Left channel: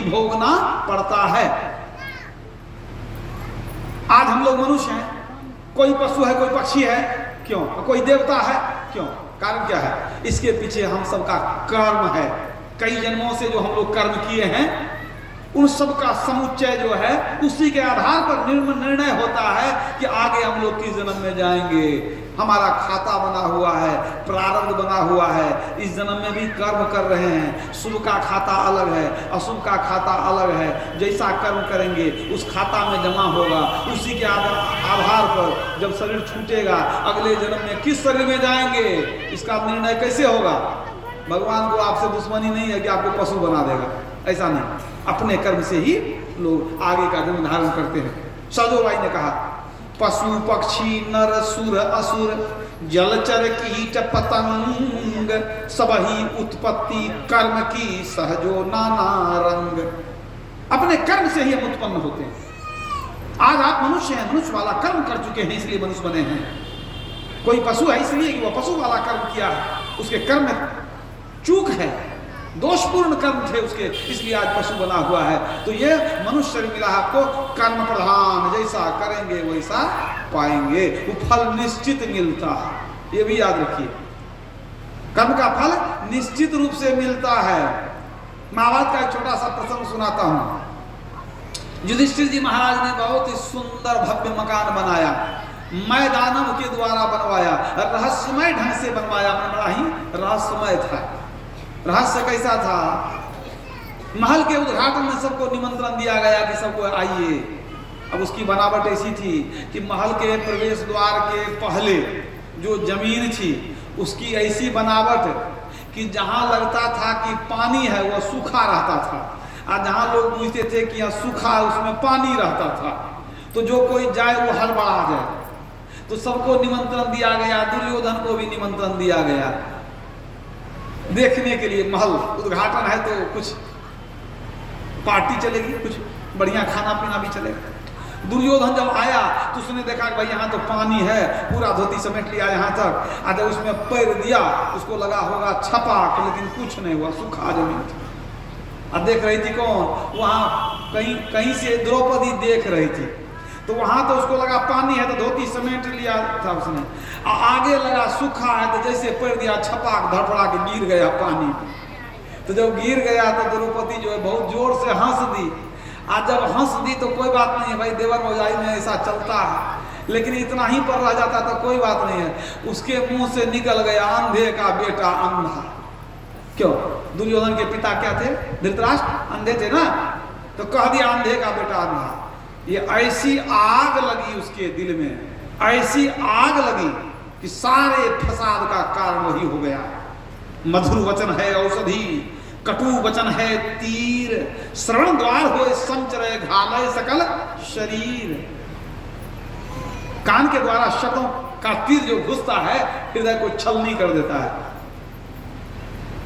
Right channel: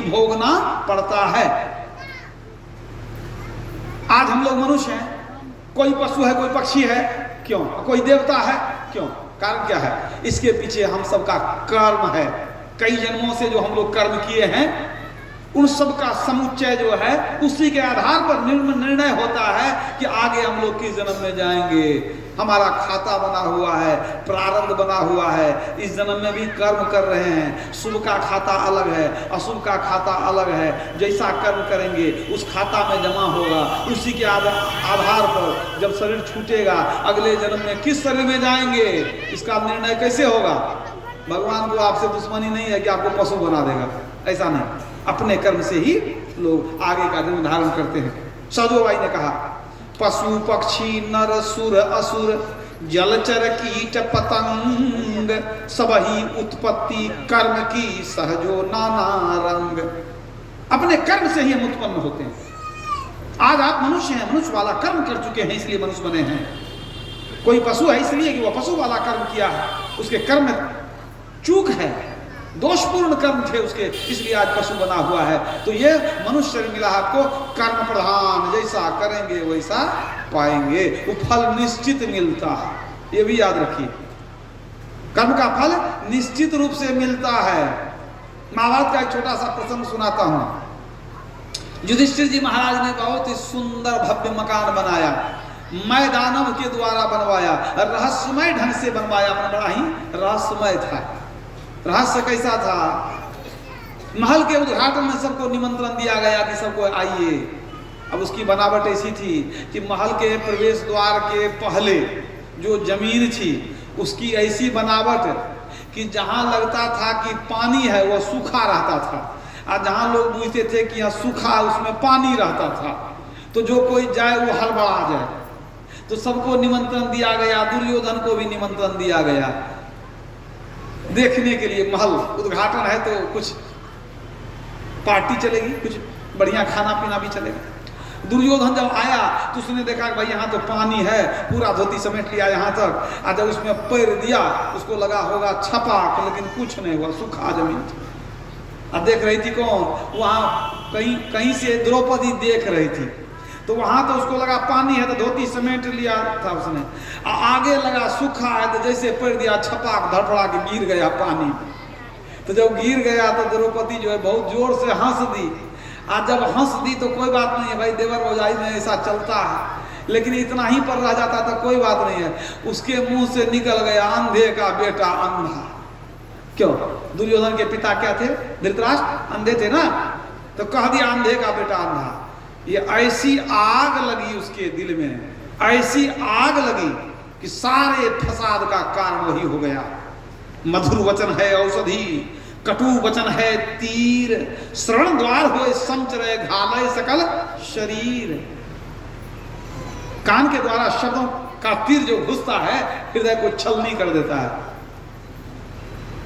ही भोगना पड़ता है। आज हम लोग मनुष्य हैं, कोई पशु है, कोई पक्षी है, क्यों? कोई देवता है, क्यों? कारण क्या है? इसके पीछे हम सबका कर्म है। कई जन्मों से जो हम लोग कर्म किए हैं, उन सब का समुच्चय जो है, उसी के आधार पर निर्णय होता है कि आगे हम लोग किस जन्म में जाएंगे। हमारा खाता बना हुआ है, प्रारब्ध बना हुआ है। इस जन्म में भी कर्म कर रहे हैं। शुभ का खाता अलग है, अशुभ का खाता अलग है। जैसा कर्म करेंगे उस खाता में जमा होगा। उसी के आधार पर जब शरीर छूटेगा, अगले जन्म में किस शरीर में जाएंगे, इसका निर्णय कैसे होगा? भगवान को आपसे दुश्मनी नहीं है कि आपको पशु बना देगा, ऐसा नहीं। अपने कर्म से ही लोग आगे का जन्म धारण करते हैं। सजोबाई ने कहा, पशु पक्षी नर सुर असुर जलचर कीट पतंग सबही उत्पत्ति कर्म की सहजो नाना रंग। अपने कर्म से ही हम उत्पन्न होते हैं। आज आप मनुष्य हैं, मनुष्य वाला कर्म कर चुके हैं, इसलिए मनुष्य बने हैं। कोई पशु है इसलिए कि वह पशु वाला कर्म किया है, उसके कर्म में चूक है, दोषपूर्ण कर्म थे उसके, इसलिए आज पशु बना हुआ है। तो ये मनुष्य शरीर मिला आपको कर्म प्रधान, जैसा करेंगे वैसा पाएंगे। वो फल निश्चित मिलता है, ये भी याद रखिए। कर्म का फल निश्चित रूप से मिलता है। महाभारत का एक छोटा सा प्रसंग सुनाता हूं। युधिष्ठिर जी महाराज ने बहुत ही सुंदर भव्य मकान बनाया, मैदानव के द्वारा बनवाया, रहस्यमय ढंग से बनवाया। बड़ा ही रहस्यमय था। रहस्य कैसा था? महल के उद्घाटन में सबको निमंत्रण दिया गया कि सबको आइए। अब उसकी बनावट ऐसी थी कि महल के प्रवेश द्वार के पहले जो जमीन थी उसकी ऐसी बनावट कि जहां लगता था कि पानी है वह सूखा रहता था, और जहां लोग पूछते थे कि यहाँ सूखा उसमें पानी रहता था। तो जो कोई जाए वो हड़बड़ा जाए। तो सबको निमंत्रण दिया गया, दुर्योधन को भी निमंत्रण दिया गया देखने के लिए। महल उद्घाटन है तो कुछ पार्टी चलेगी, कुछ बढ़िया खाना पीना भी चलेगा। दुर्योधन जब आया तो उसने देखा कि भाई यहाँ तो पानी है, पूरा धोती समेट लिया यहाँ तक, और जब उसमें पैर दिया उसको लगा होगा छपाक, लेकिन कुछ नहीं हुआ, सूखा जमीन थी। और देख रही थी कौन? वहाँ कहीं से द्रौपदी देख रही थी। तो वहां तो उसको लगा पानी है तो धोती समेट लिया था उसने, आगे लगा सूखा है तो जैसे पैर दिया छपाक धड़फड़ा के गिर गया पानी। तो जब गिर गया तो द्रौपदी जो है बहुत जोर से हंस दी। आज जब हंस दी तो कोई बात नहीं है भाई, देवर भौजाई में ऐसा चलता है, लेकिन इतना ही पर रह जाता तो कोई बात नहीं है। उसके मुंह से निकल गया अंधे का बेटा अंधा। क्यों? दुर्योधन के पिता क्या थे? धृतराष्ट्र अंधे थे ना, तो कह दिया अंधे का बेटा अंधा। ये ऐसी आग लगी उसके दिल में, ऐसी आग लगी कि सारे फसाद का कारण वही हो गया। मधुर वचन है औषधि, कटु वचन है तीर, श्रवण द्वार होए संचरे घालय सकल शरीर। कान के द्वारा शब्दों का तीर जो घुसता है हृदय को छलनी कर देता है,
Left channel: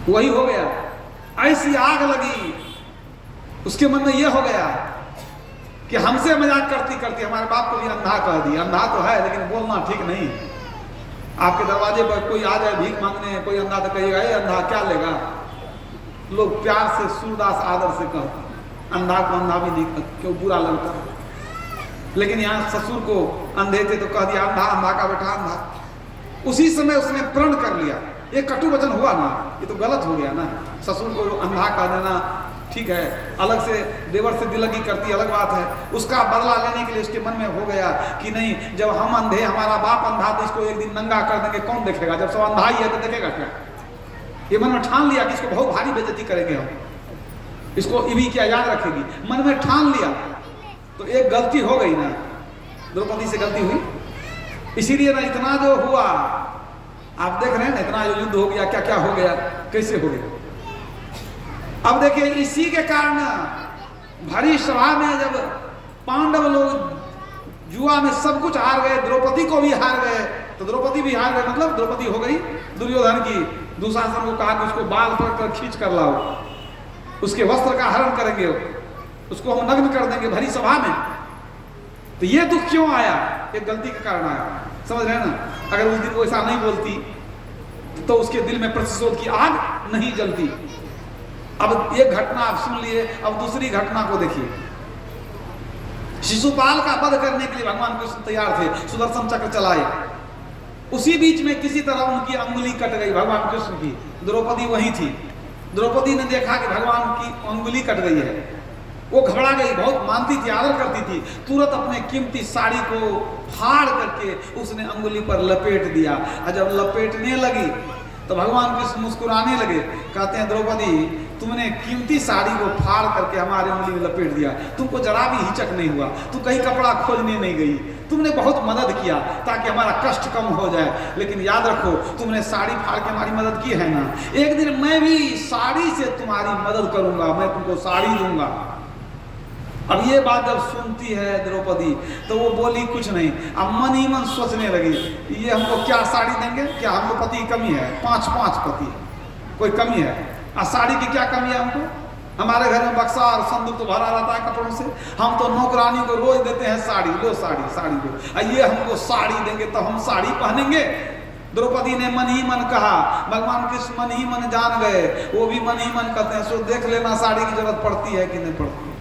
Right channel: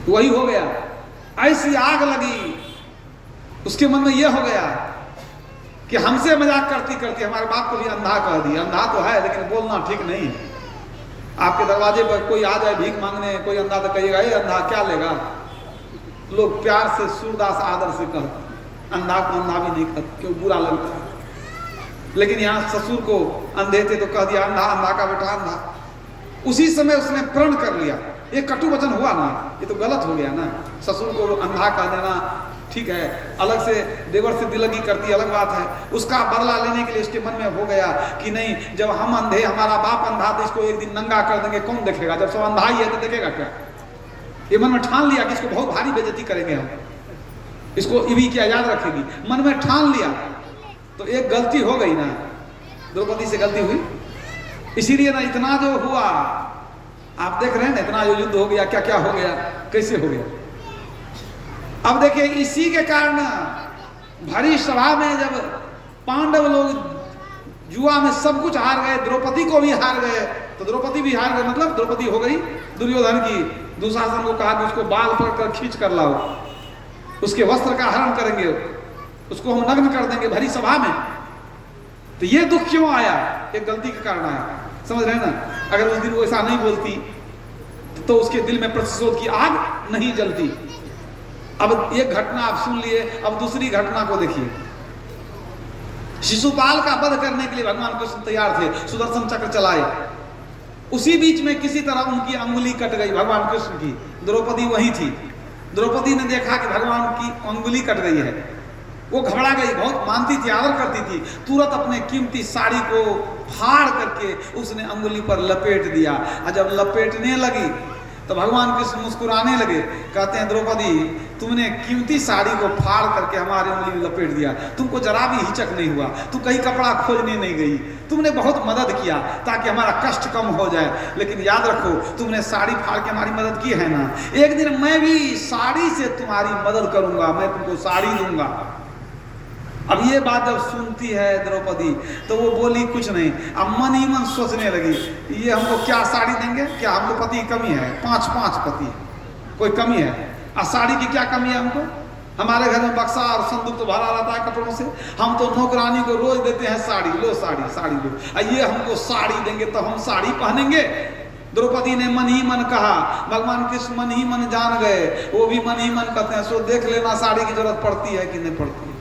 वही हो गया। ऐसी आग लगी उसके मन में यह हो गया कि हमसे मजाक करती करती हमारे बाप को भी अंधा कह दिया। अंधा तो है लेकिन बोलना ठीक नहीं। आपके दरवाजे पर कोई आ जाए भीख मांगने, कोई अंधा तो कहिएगा ये अंधा क्या लेगा। लोग प्यार से सूरदास आदर से कहते, अंधा को अंधा भी नहीं कहते, क्यों बुरा लगता है। लेकिन यहाँ ससुर को अंधे थे तो कह दिया अंधा, अंधा का बेटा अंधा। उसी समय उसने प्रण कर लिया। ये कटु वचन हुआ ना, ये तो गलत हो गया ना। ससुर को अंधा कह देना ठीक है, अलग से देवर से दिलगी करती अलग बात है। उसका बदला लेने के लिए उसके मन में हो गया कि नहीं, जब हम अंधे, हमारा बाप अंधा, तो इसको एक दिन नंगा कर देंगे, कौन देखेगा? जब सब अंधा ही है तो देखेगा क्या? ये मन में ठान लिया कि इसको बहुत भारी बेइज्जती करेंगे हम, इसको ये भी क्या याद रखेगी, मन में ठान लिया। तो एक गलती हो गई ना, द्रौपदी से गलती हुई, इसीलिए ना इतना जो हुआ आप देख रहे हैं ना, इतना जो युद्ध हो गया, क्या क्या हो गया, कैसे हो गया। अब देखिए इसी के कारण भरी सभा में जब पांडव लोग जुआ में सब कुछ हार गए, द्रौपदी को भी हार गए, तो द्रौपदी भी हार गए, मतलब द्रौपदी हो गई दुर्योधन की। दुशासन को कहा कि उसको बाल पकड़ खींच कर लाओ, उसके वस्त्र का हरण करेंगे, उसको हम नग्न कर देंगे भरी सभा में। तो ये दुख क्यों आया? एक गलती के कारण आया, समझ रहे हैं ना। अगर उस दिन वो ऐसा नहीं बोलती तो उसके दिल में प्रतिशोध की आग नहीं जलती। अब एक घटना आप सुन लिए, अब दूसरी घटना को देखिए। शिशुपाल का वध करने के लिए भगवान कृष्ण तैयार थे, सुदर्शन चक्र चलाए। उसी बीच में किसी तरह उनकी अंगुली कट गई, भगवान कृष्ण की। द्रौपदी वहीं थी। द्रौपदी ने देखा कि भगवान की अंगुली कट गई है। वो घबरा गई, बहुत मानती थी, आदर करती थी। तुरंत अपने कीमती साड़ी को फाड़ करके उसने अंगुली पर लपेट दिया। और जब लपेटने लगी तो भगवान कृष्ण मुस्कुराने लगे। कहते हैं, द्रौपदी तुमने कीमती साड़ी को फाड़ करके हमारे अंगुली में लपेट दिया, तुमको जरा भी हिचक नहीं हुआ, तुम कहीं कपड़ा खोजने नहीं गई, तुमने बहुत मदद किया ताकि हमारा कष्ट कम हो जाए। लेकिन याद रखो, तुमने साड़ी फाड़ के हमारी मदद की है ना, एक दिन मैं भी साड़ी से तुम्हारी मदद करूंगा, मैं तुमको साड़ी दूंगा। अब ये बात जब सुनती है द्रौपदी तो वो बोली कुछ नहीं। अब मन ही मन सोचने लगी, ये हमको क्या साड़ी देंगे, क्या हमको पति की कमी है, 5 पति कोई कमी है, साड़ी की क्या कमी है हमको? हमारे घर में बक्सा और संदूक तो भरा रहता है कपड़ों से, हम तो नौकरानी को रोज देते हैं साड़ी, लो साड़ी, साड़ी लो, ये हमको साड़ी देंगे तो हम साड़ी पहनेंगे। द्रौपदी ने मन ही मन कहा, भगवान कृष्ण मन ही मन जान गए, वो भी मन ही मन कहते हैं, सो देख लेना साड़ी की जरूरत पड़ती है कि नहीं पड़ती।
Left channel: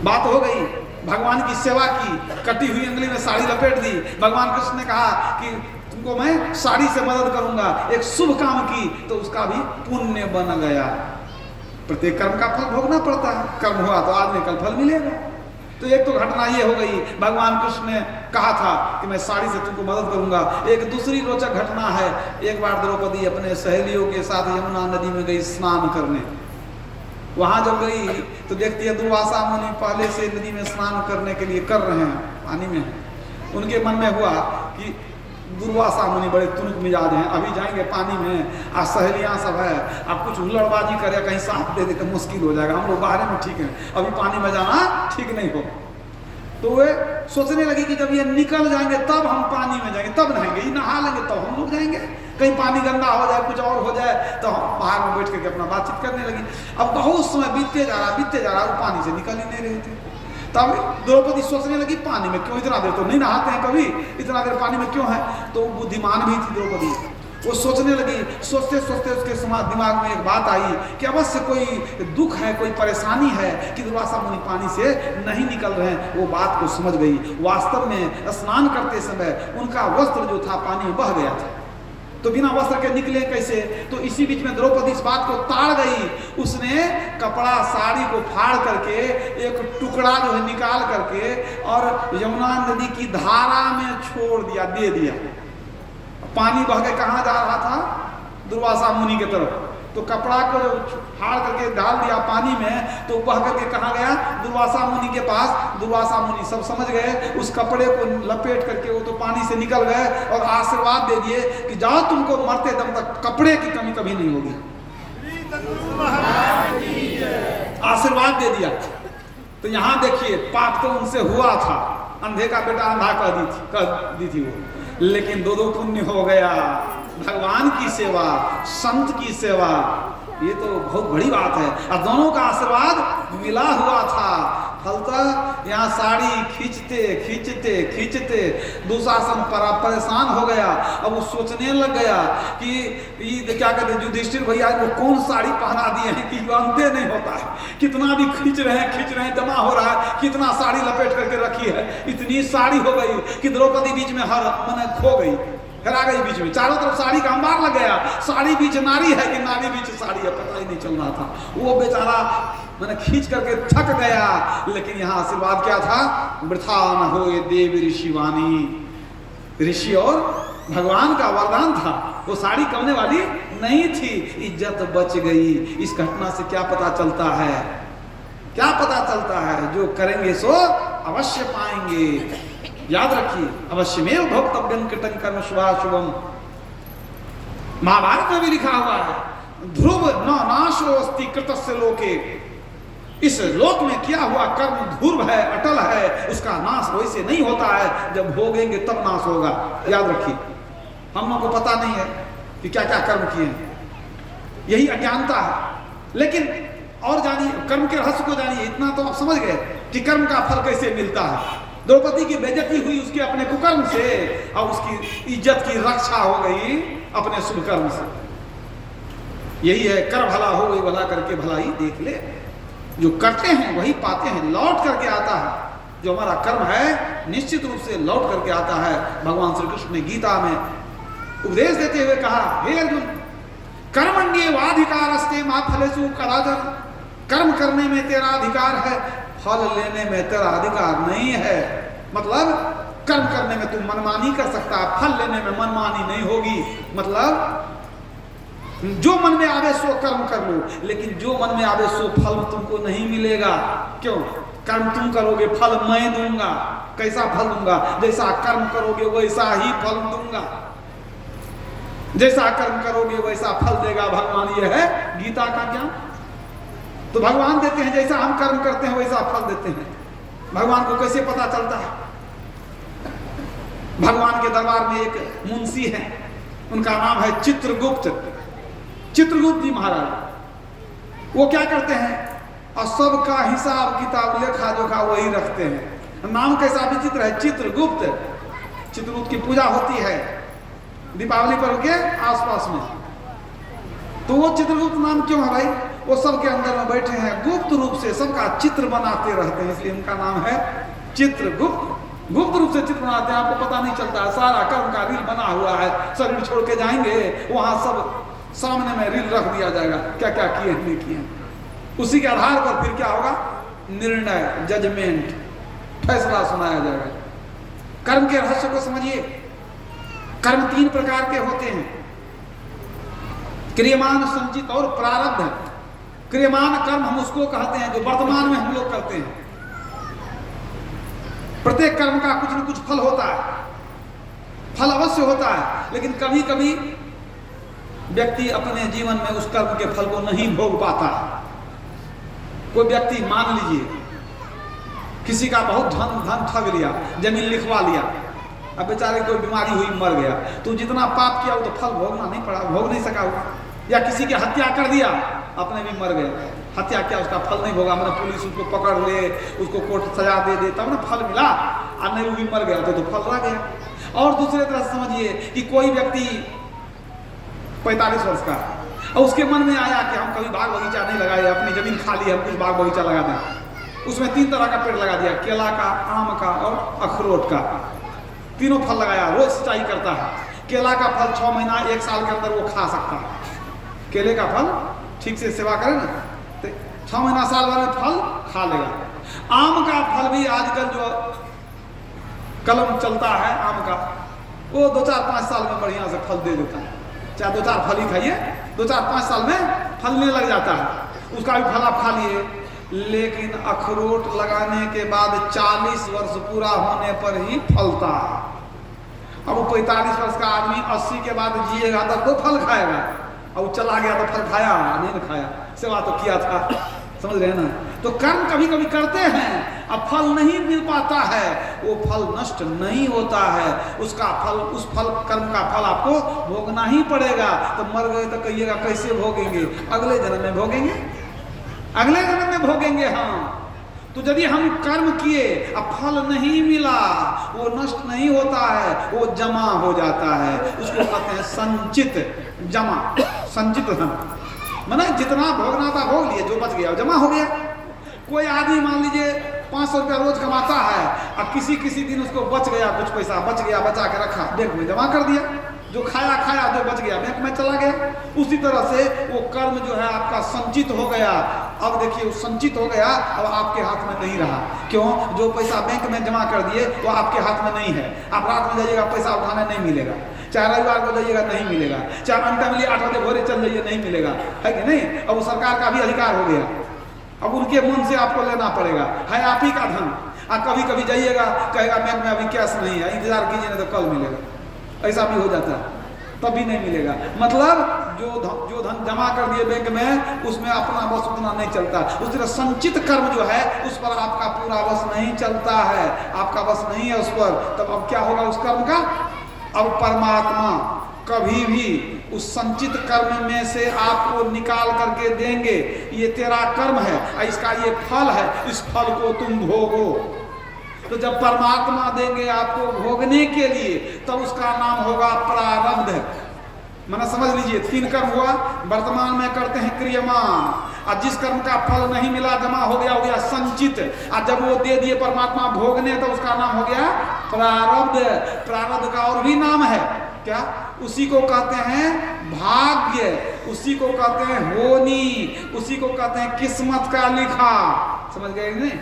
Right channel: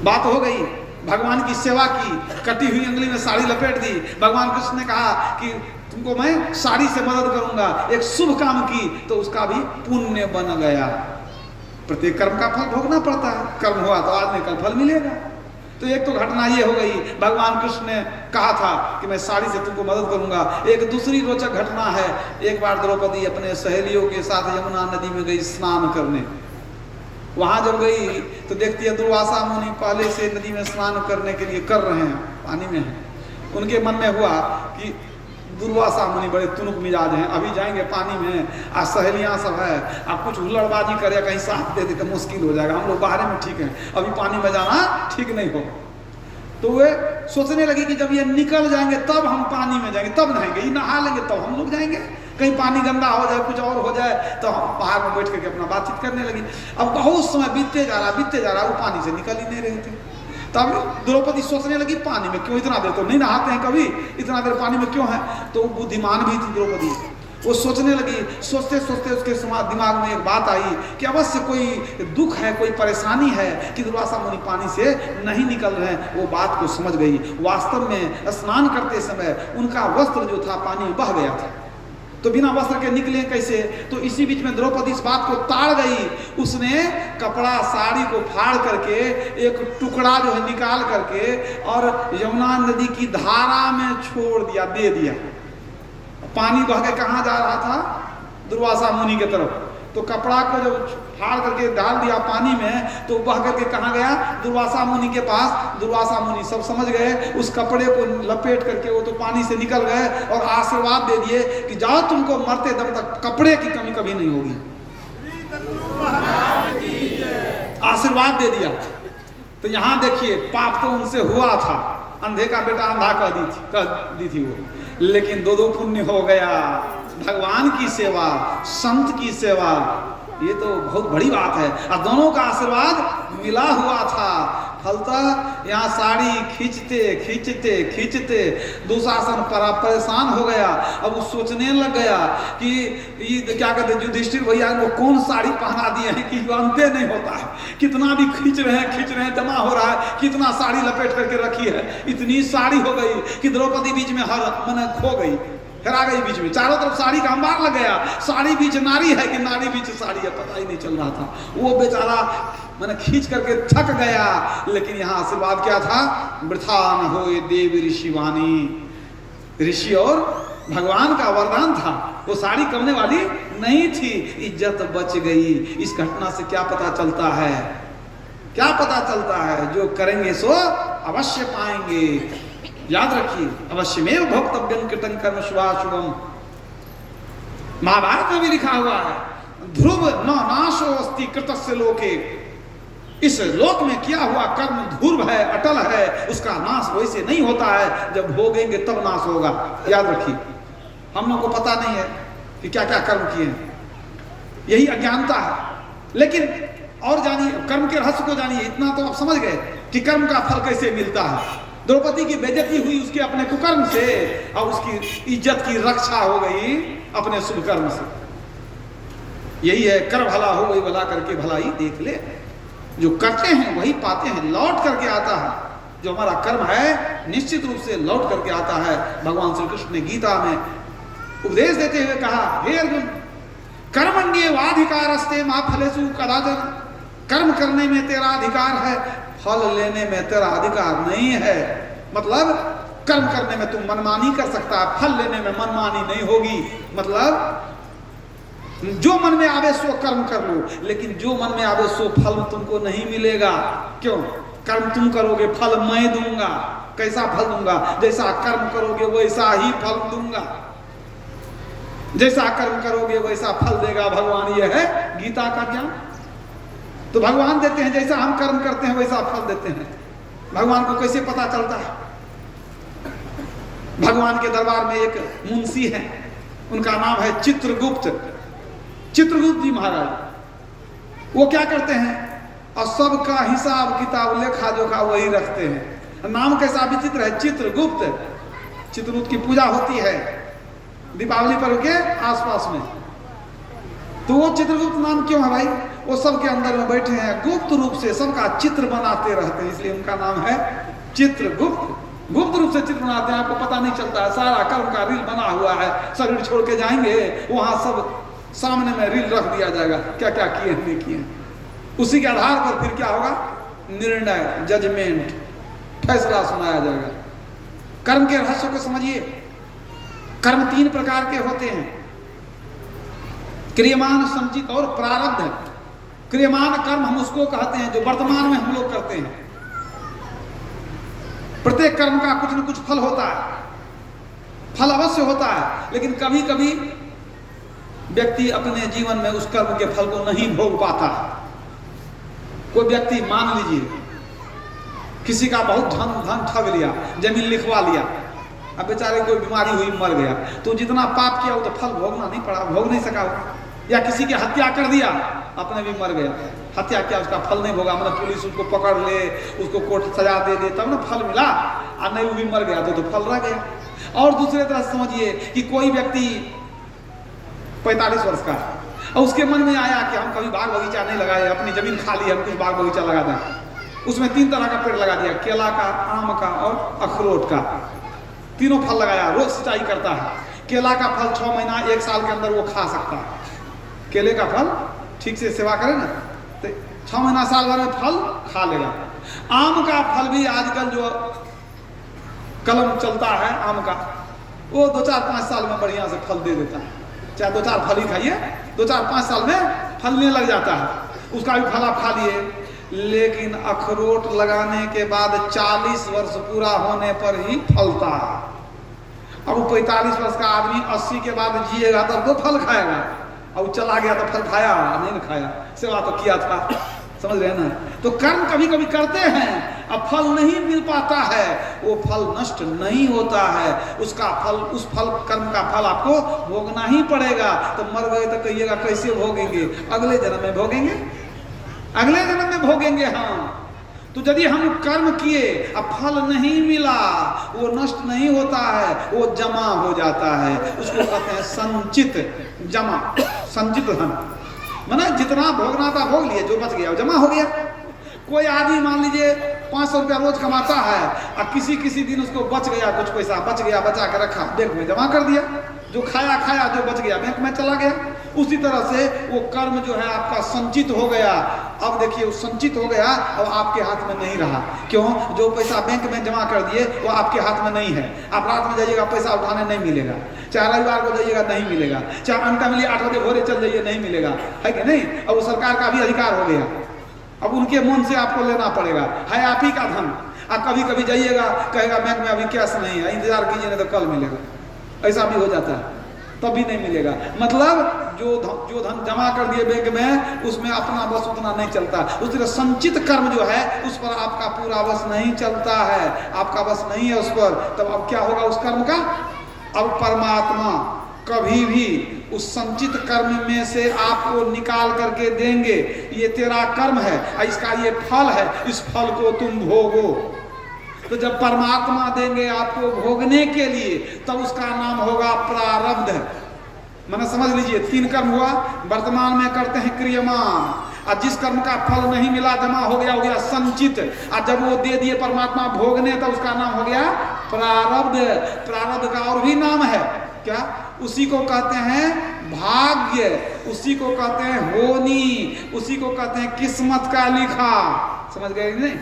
बात हो गई, भगवान की सेवा की, कटी हुई अंगुली में साड़ी लपेट दी। भगवान कृष्ण ने कहा कि तुमको मैं साड़ी से मदद करूंगा, एक शुभ काम की तो उसका भी पुण्य बन गया। प्रत्येक कर्म का फल भोगना पड़ता है, कर्म हुआ तो आदमी का फल मिलेगा। तो एक तो घटना ये हो गई, भगवान कृष्ण ने कहा था कि मैं साड़ी से तुमको मदद करूंगा। एक दूसरी रोचक घटना है, एक बार द्रौपदी अपने सहेलियों के साथ यमुना नदी में गई स्नान करने। वहां जब गई तो देखती है दुर्वासा मुनि पहले से नदी में स्नान करने के लिए कर रहे हैं, पानी में है। उनके मन में हुआ कि दुर्वासा मुनि बड़े तुनुक मिजाज हैं, अभी जाएंगे पानी में, आज सहेलियां सब है, अब कुछ हुल्लड़बाजी करे, कहीं साथ दे दे तो मुश्किल हो जाएगा, हम लोग बाहर में ठीक है, अभी पानी में जाना ठीक नहीं हो। तो वे सोचने लगी कि जब ये निकल जाएंगे तब हम पानी में जाएंगे, तब नहाएंगे, ये नहा लेंगे तब हम लोग जाएंगे, कहीं पानी गंदा हो जाए, कुछ और हो जाए तो हम बाहर में बैठ करके अपना बातचीत करने लगी। अब बहुत समय बीतते जा रहा, वो पानी से निकल ही नहीं रहे थे। तब द्रौपदी सोचने लगी, पानी में क्यों इतना देर, तो नहीं नहाते हैं कभी, इतना देर पानी में क्यों है? तो बुद्धिमान भी थी द्रौपदी, वो सोचने लगी। सोचते सोचते उसके दिमाग में एक बात आई कि अवश्य कोई दुख है, कोई परेशानी है कि दुर्वासा मुनि पानी से नहीं निकल रहे हैं। वो बात को समझ गई। वास्तव में स्नान करते समय उनका वस्त्र जो था पानी में बह गया था, तो बिना वस्त्र के निकले कैसे? तो इसी बीच में द्रौपदी इस बात को ताड़ गई। उसने कपड़ा साड़ी को फाड़ करके एक टुकड़ा जो है निकाल करके और यमुना नदी की धारा में छोड़ दिया, दे दिया। पानी बह के कहाँ जा रहा था? दुर्वासा मुनि की तरफ। तो कपड़ा को जब फाड़ करके डाल दिया पानी में तो बह करके कहाँ गया? दुर्वासा मुनि के पास। दुर्वासा मुनि सब समझ गए, उस कपड़े को लपेट करके वो तो पानी से निकल गए और आशीर्वाद दे दिए कि जाओ, तुमको मरते दम तक कपड़े की कमी कभी नहीं होगी। आशीर्वाद दे दिया। तो यहाँ देखिए, पाप तो उनसे हुआ था, अंधे का बेटा अंधा कर दी थी वो, लेकिन दो पुण्य हो गया। भगवान की सेवा, संत की सेवा, ये तो बहुत बड़ी बात है। और दोनों का आशीर्वाद मिला हुआ था। फलतः यहाँ साड़ी खींचते खींचते खींचते दुशासन परेशान हो गया। अब वो सोचने लग गया कि ये क्या कहते हैं, युधिष्ठिर भैया वो कौन साड़ी पहना दिए हैं कि अंते नहीं होता है। कितना भी खींच रहे हैं, जमा हो रहा है, कितना साड़ी लपेट करके रखी है। इतनी साड़ी हो गई कि द्रौपदी बीच में खो गई, हेरा गई बीच में। चारों तरफ साड़ी का अंबार लग गया। साड़ी बीच नारी है कि नारी बीच साड़ी है, पता ही नहीं चल रहा था। वो बेचारा मैंने खींच करके थक गया। लेकिन यहाँ आशीर्वाद क्या था? वृथा न होए देव ऋषि वाणी। ऋषि और भगवान का वरदान था। वो साड़ी करने वाली नहीं थी, इज्जत बच गई। इस घटना से क्या पता चलता है? क्या पता चलता है? जो करेंगे सो अवश्य पाएंगे। याद रखिए, अवश्यमेव भोक्तव्यम कृतं कर्म शुभाशुभम। महाभारत में भी लिखा हुआ है, ध्रुव न नाशो अस्ति कृतस्य लोके। इस लोक में किया हुआ कर्म ध्रुव है, अटल है, उसका नाश वैसे नहीं होता है, जब भोगेंगे तब नाश होगा। याद रखिए, हम लोग को पता नहीं है कि क्या क्या कर्म किए हैं, यही अज्ञानता है। लेकिन और जानिए, कर्म के रहस्य को जानिए। इतना तो आप समझ गए कि कर्म का फल कैसे मिलता है। द्रौपदी की बेइज्जती हुई उसके अपने कुकर्म से, और उसकी इज्जत की रक्षा हो गई अपने शुभ कर्म से। यही है, कर भला हो वही भला करके भलाई देख ले। जो करते हैं वही पाते हैं, लौट करके आता है। जो हमारा कर्म है निश्चित रूप से लौट करके आता है। भगवान श्री कृष्ण ने गीता में उपदेश देते हुए कहा, हे अर्जुन, कर्मण्येवाधिकारस्ते मा फलेषु कदाचन। कर्म करने में तेरा अधिकार है, फल लेने में तेरा अधिकार नहीं है। मतलब कर्म करने में तू मनमानी कर सकता है, फल लेने में मनमानी नहीं होगी। मतलब जो मन में आवे सो कर्म कर लो, लेकिन जो मन में आवे सो फल तुमको नहीं मिलेगा। क्यों? कर्म तुम करोगे, फल मैं दूंगा। कैसा फल दूंगा? जैसा कर्म करोगे वैसा ही फल दूंगा। जैसा कर्म करोगे वैसा फल देगा भगवान। यह है गीता का ज्ञान। तो भगवान देते हैं, जैसा हम कर्म करते हैं वैसा फल देते हैं। भगवान को कैसे पता चलता है? भगवान के दरबार में एक मुंशी है, उनका नाम है चित्रगुप्त। चित्रगुप्त जी महाराज वो क्या करते हैं, और सबका हिसाब किताब लेखा जोखा वही रखते हैं। नाम कैसा विचित्र है, चित्रगुप्त। चित्रगुप्त की पूजा होती है दीपावली पर्व के आसपास में। तो वो चित्रगुप्त नाम क्यों है भाई? वो सबके अंदर में बैठे हैं, गुप्त रूप से सबका चित्र बनाते रहते हैं, इसलिए उनका नाम है चित्रगुप्त। गुप्त रूप से चित्र बनाते हैं, आपको पता नहीं चलता है। सारा कर्म का रील बना हुआ है, शरीर छोड़ के जाएंगे वहां सब सामने में रील रख दिया जाएगा, क्या क्या किए नहीं किए। उसी के आधार पर फिर क्या होगा, निर्णय, जजमेंट, फैसला सुनाया जाएगा। कर्म के रहस्य को समझिए। कर्म 3 प्रकार के होते हैं, क्रियमान, संचित और प्रारब्ध। क्रियमान कर्म हम उसको कहते हैं जो वर्तमान में हम लोग करते हैं। प्रत्येक कर्म का कुछ न कुछ फल होता है, फल अवश्य होता है, लेकिन कभी कभी व्यक्ति अपने जीवन में उस कर्म के फल को नहीं भोग पाता। कोई व्यक्ति मान लीजिए किसी का बहुत धन ठग लिया, जमीन लिखवा लिया, अब बेचारे कोई बीमारी हुई मर गया, तो जितना पाप किया वो तो फल भोगना नहीं पड़ा, भोग नहीं सका। या किसी की हत्या कर दिया, अपने भी मर गया, हत्या किया, उसका फल नहीं भोगा। मैंने पुलिस उसको पकड़ ले, उसको कोर्ट सजा दे दे तब ना फल मिला, और नहीं वो भी मर गया तो फल रह गया। और दूसरे तरह से समझिए कि कोई व्यक्ति 45 वर्ष का, और उसके मन में आया कि हम कभी बाग बगीचा नहीं लगाए, अपनी जमीन खाली है, हम कुछ बाग बगीचा लगा दें। उसमें 3 तरह का पेड़ लगा दिया, केला का, आम का और अखरोट का। तीनों फल लगाया, रोज सिंचाई करता है। केला का फल 6 महीना 1 साल के अंदर वो खा सकता है। केले का फल ठीक से सेवा करे ना तो 6 महीना साल भर में फल खा लेगा। आम का फल भी आजकल जो कलम चलता है आम का, वो 2-4-5 साल में बढ़िया से फल दे देता है। चाहे 2-4 फल ही खाइए, 2-4-5 साल में फलने लग जाता है। उसका भी फल आप खा लिए। लेकिन अखरोट लगाने के बाद 40 वर्ष पूरा होने पर ही फलता है। अब 45 वर्ष का आदमी 80 के बाद जिएगा तब तो फल खाएगा, और चला गया तो फल खाया नहीं खाया, सेवा तो किया था। समझ रहे ना? तो कर्म कभी कभी करते हैं, अब फल नहीं मिल पाता है, वो फल नष्ट नहीं होता है। उसका फल, उस फल कर्म का फल आपको भोगना ही पड़ेगा। तो मर गए तो कहिएगा कैसे भोगेंगे? अगले जन्म में भोगेंगे, अगले जन्म में भोगेंगे हम। तो यदि हम कर्म किए अब फल नहीं मिला, वो नष्ट नहीं होता है, वो जमा हो जाता है। उसको कहते हैं संचित, जमा, संचित धन। माना जितना भोगना था भोग लिए, जो बच गया वो जमा हो गया। कोई आदमी मान लीजिए 500 रुपया रोज कमाता है, और किसी दिन उसको बच गया, कुछ पैसा बच गया, बचा के रखा, बैंक में जमा कर दिया। जो खाया, जो बच गया बैंक में चला गया। उसी तरह से वो कर्म जो है आपका संचित हो गया। अब देखिए वो संचित हो गया, अब आपके हाथ में नहीं रहा। क्यों? जो पैसा बैंक में जमा कर दिए वो आपके हाथ में नहीं है। आप रात में जाइएगा पैसा उठाने नहीं मिलेगा, चाहे रविवार को जाइएगा नहीं मिलेगा, चाहे अंत में 8 बजे भोरे चल जाइए नहीं मिलेगा, है कि नहीं? अब वो सरकार का भी अधिकार हो गया, अब उनके मन से आपको लेना पड़ेगा, है आप ही का धन। आप कभी कभी जाइएगा, कहेगा बैंक में अभी कैश नहीं है, इंतजार कीजिए नहीं तो कल मिलेगा। ऐसा भी हो जाता है, तब भी नहीं मिलेगा। मतलब जो धन जमा कर दिए बैंक में, उसमें अपना बस उतना नहीं चलता। उस तरह संचित कर्म जो है उस पर आपका पूरा बस नहीं चलता है, आपका बस नहीं है उस पर। तब अब क्या होगा उस कर्म का? अब परमात्मा कभी भी उस संचित कर्म में से आपको निकाल करके देंगे, ये तेरा कर्म है, इसका ये फल है, इस फल को तुम भोगो। तो जब परमात्मा देंगे आपको भोगने के लिए, तब उसका नाम होगा प्रारब्ध। मैंने समझ लीजिए 3 कर्म हुआ, वर्तमान में करते हैं क्रियमान, और जिस कर्म का फल नहीं मिला, जमा हो गया संचित, और जब वो दे दिए परमात्मा भोगने तो उसका नाम हो गया प्रारब्ध। प्रारब्ध का और भी नाम है क्या? उसी को कहते हैं भाग्य, उसी को कहते हैं होनी, उसी को कहते हैं किस्मत का लिखा। समझ गए नहीं?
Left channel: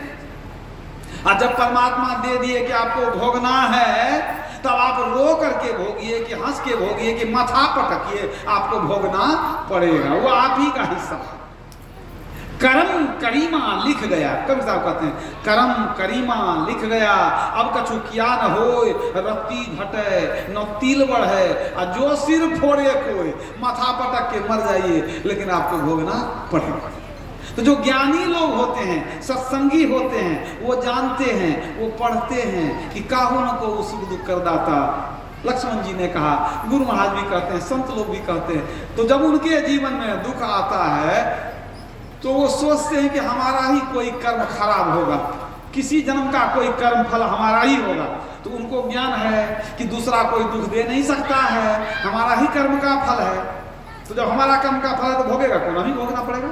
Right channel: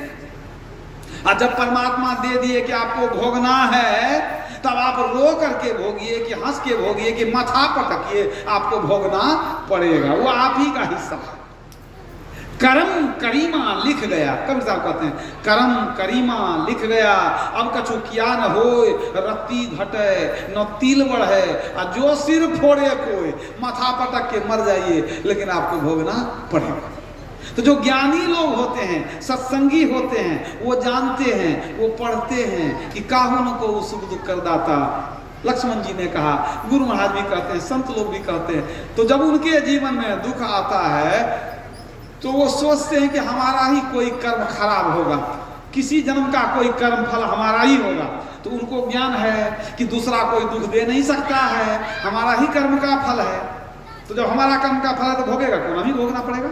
और जब परमात्मा दे दिए कि आपको भोगना है, तब आप रो करके भोगिए कि हंस के भोगिए कि माथा पटकिए, आपको भोगना पड़ेगा, वो आप ही का हिस्सा है। करम करीमा लिख गया, कब साहब कहते हैं करम करीमा लिख गया, अब कछु किया न होय, रत्ती घटे न तिल बढ़े, और जो सिर फोड़े कोई, माथा पटक के मर जाइए, लेकिन आपको भोगना पड़ेगा। तो जो ज्ञानी लोग होते हैं, सत्संगी होते हैं, वो जानते हैं, वो पढ़ते हैं कि काहू न को सुख दुख कर दाता। लक्ष्मण जी ने कहा, गुरु महाराज भी कहते हैं, संत लोग भी कहते हैं। तो जब उनके जीवन में दुख आता है तो वो सोचते हैं कि हमारा ही कोई कर्म खराब होगा, किसी जन्म का कोई कर्म फल हमारा ही होगा। तो उनको ज्ञान है कि दूसरा कोई दुख दे नहीं सकता है, हमारा ही कर्म का फल है। तो जब हमारा कर्म का फल है तो भोगेगा कौन? ही भोगना पड़ेगा।